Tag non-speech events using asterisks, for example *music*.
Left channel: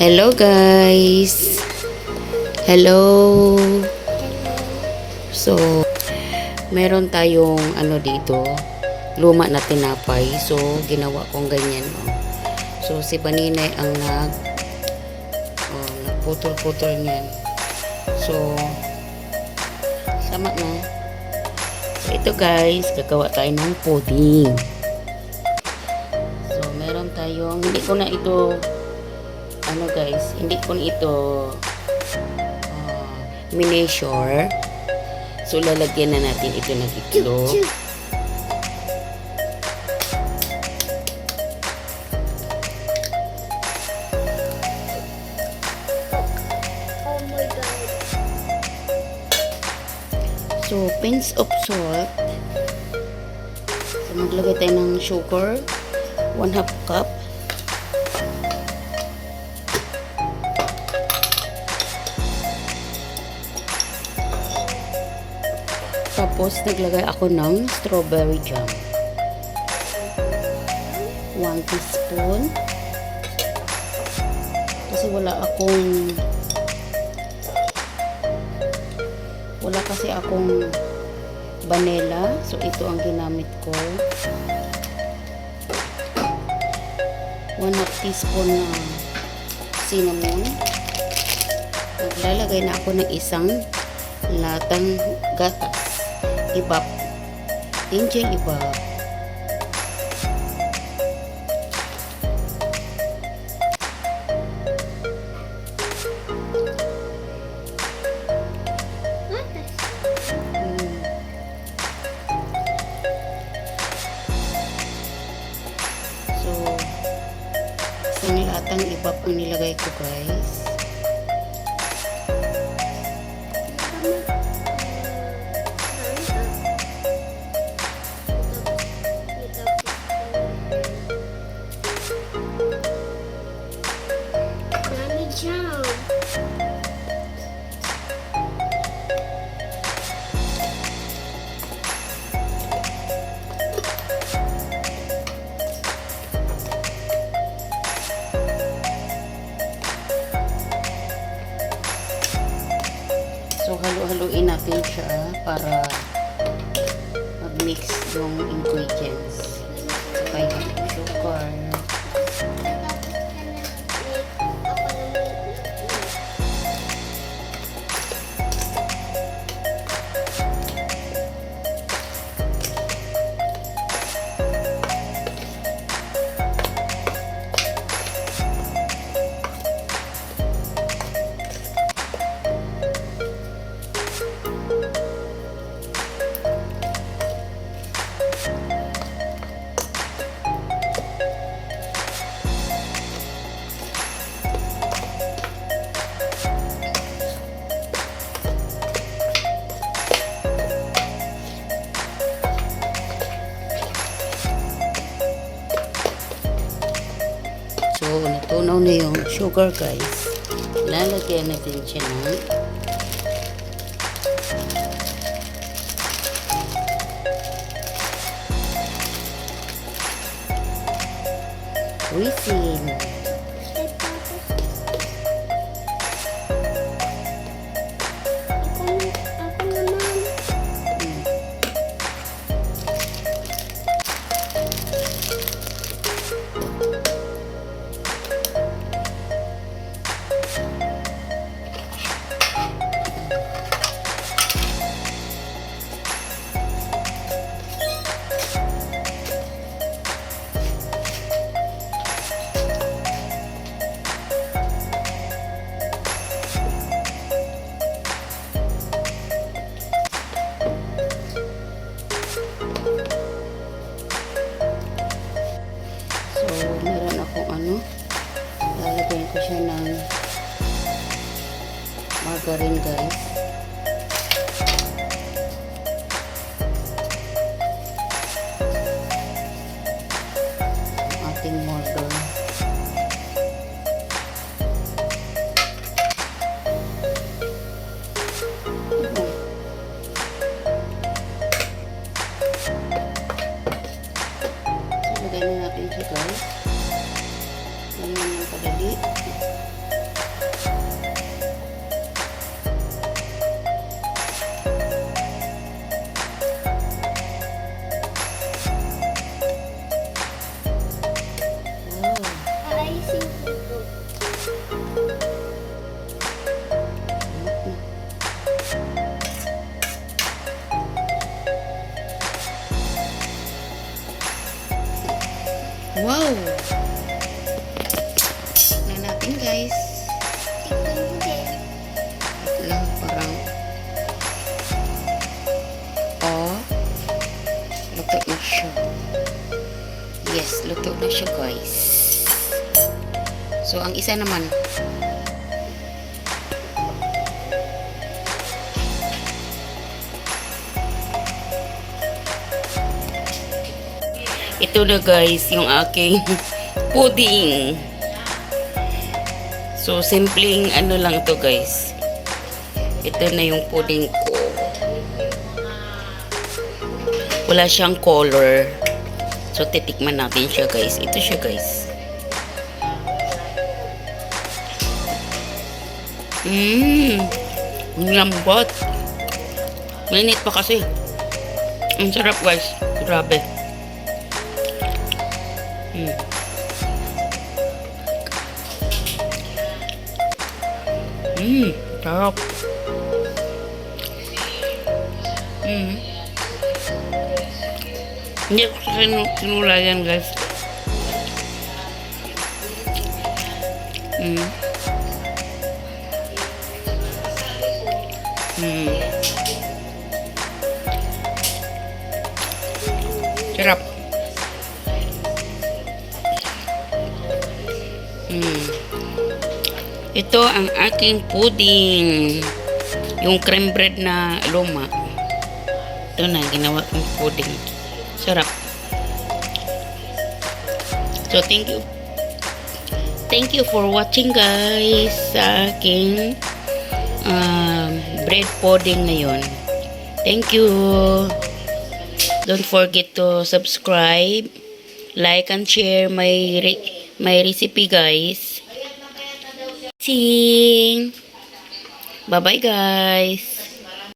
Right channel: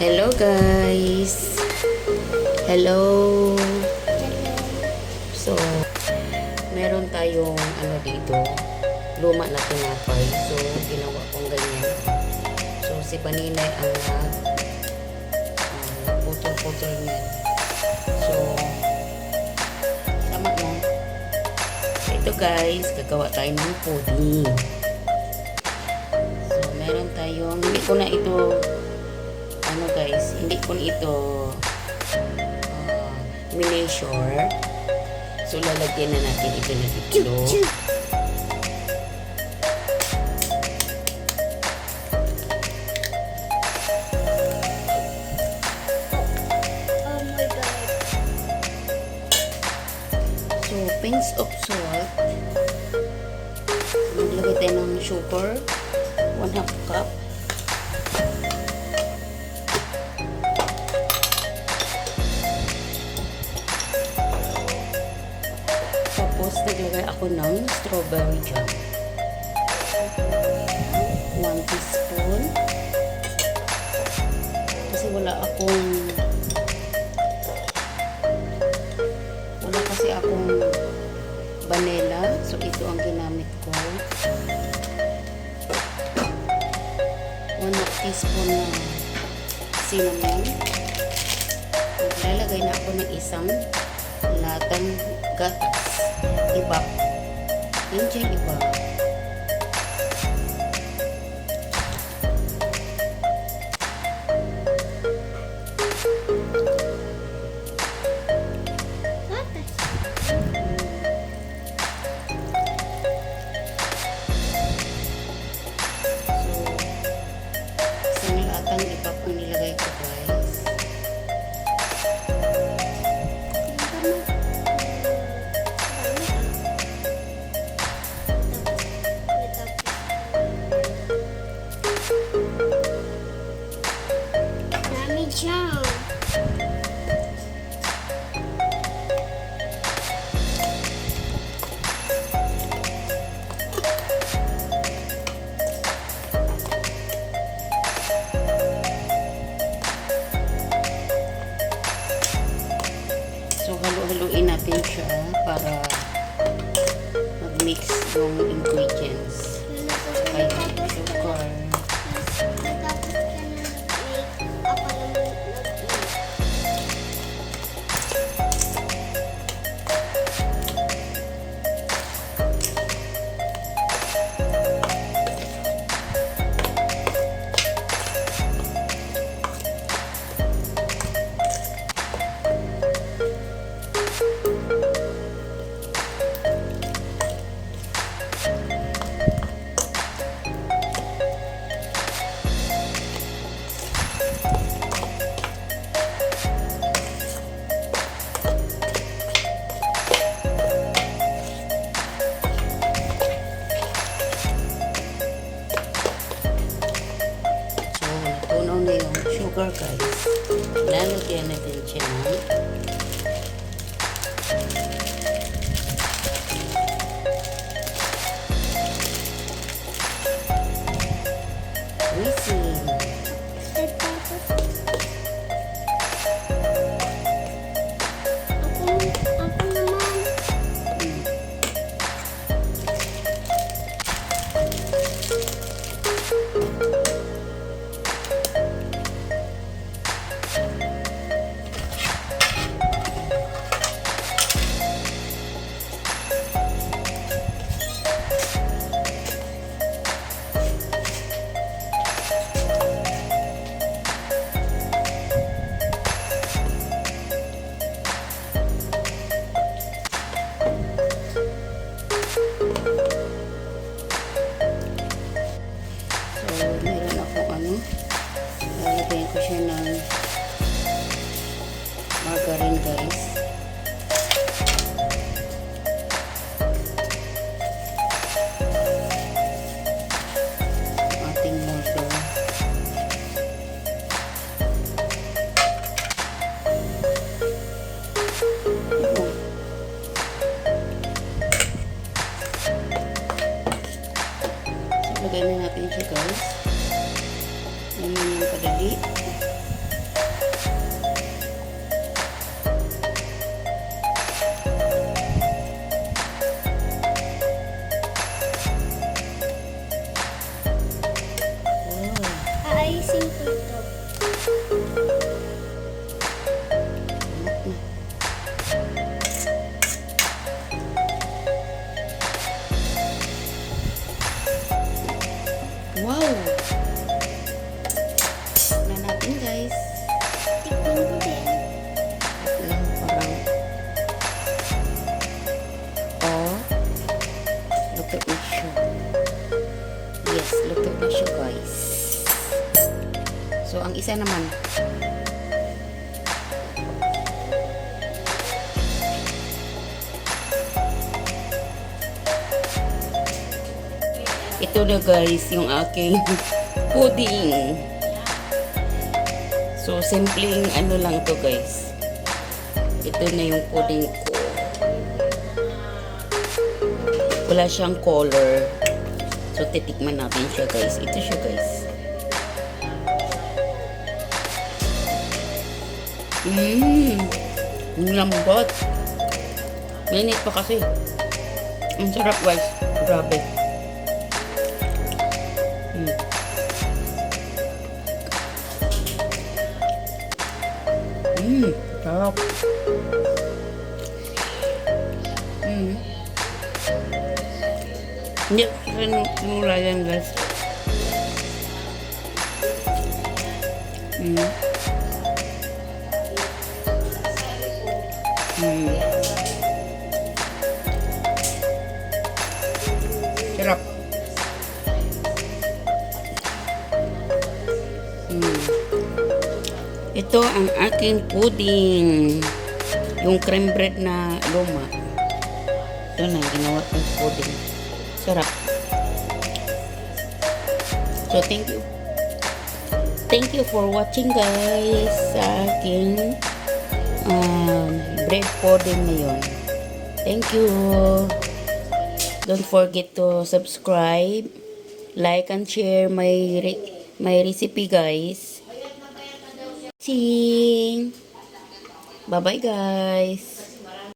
Hello guys. Hello. So, meron tayong ano dito, luma na tinapay. So, ginawa kong ganyan. So, si Baninay ang nag uh, nagputol-putol niyan. So, sama no. So, ito guys, gagawa tayo ng pudding. So, meron tayong, hindi ko na ito, ano guys, hindi ko ito uh, miniature. So, lalagyan na natin ito ng itlog. Oh. So, pinch of salt. So, maglagay tayo ng sugar. 1 half cup. Tapos, naglagay ako ng strawberry jam. 1 teaspoon. Kasi wala akong wala kasi akong vanilla. So, ito ang ginamit ko. 1 half teaspoon na cinnamon. Maglalagay na ako ng isang latang gatas. Iba. Angel iba. So, isang latang iba po nilagay ko guys. Para mag-mix yung ingredients. Yung sugar. Sugar guys. Lalagyan natin siya ng whizzing. Margarine guys. Ang ating. So, lagay na natin siya guys. Ganyan yung kadali. Tikman na natin guys. Tikman mo din. At lang parang. Oh. Lutuin siya. Yes, luto na siya guys. So, ang isa naman, ito na guys, yung aking *laughs* pudding. So, simpleng ano lang to guys. Ito na yung pudding ko. Wala siyang color. So, titikman natin siya guys. Ito siya guys. Mmm. Lambot. Mainit pa kasi. Ang sarap guys. Grabe. Mm. Mmm. Sarap. Mm. Hindi ko sa kinu- kinulayan guys. Mm. Mm. Sarap. Mm. Ito ang aking pudding. Yung cream bread na luma. Ito na, ginawa kong pudding. Sarap. So, thank you. Thank you for watching guys sa aking um, bread pudding ngayon. Thank you. Don't forget to subscribe, like and share my my recipe guys. Sing. Bye bye guys.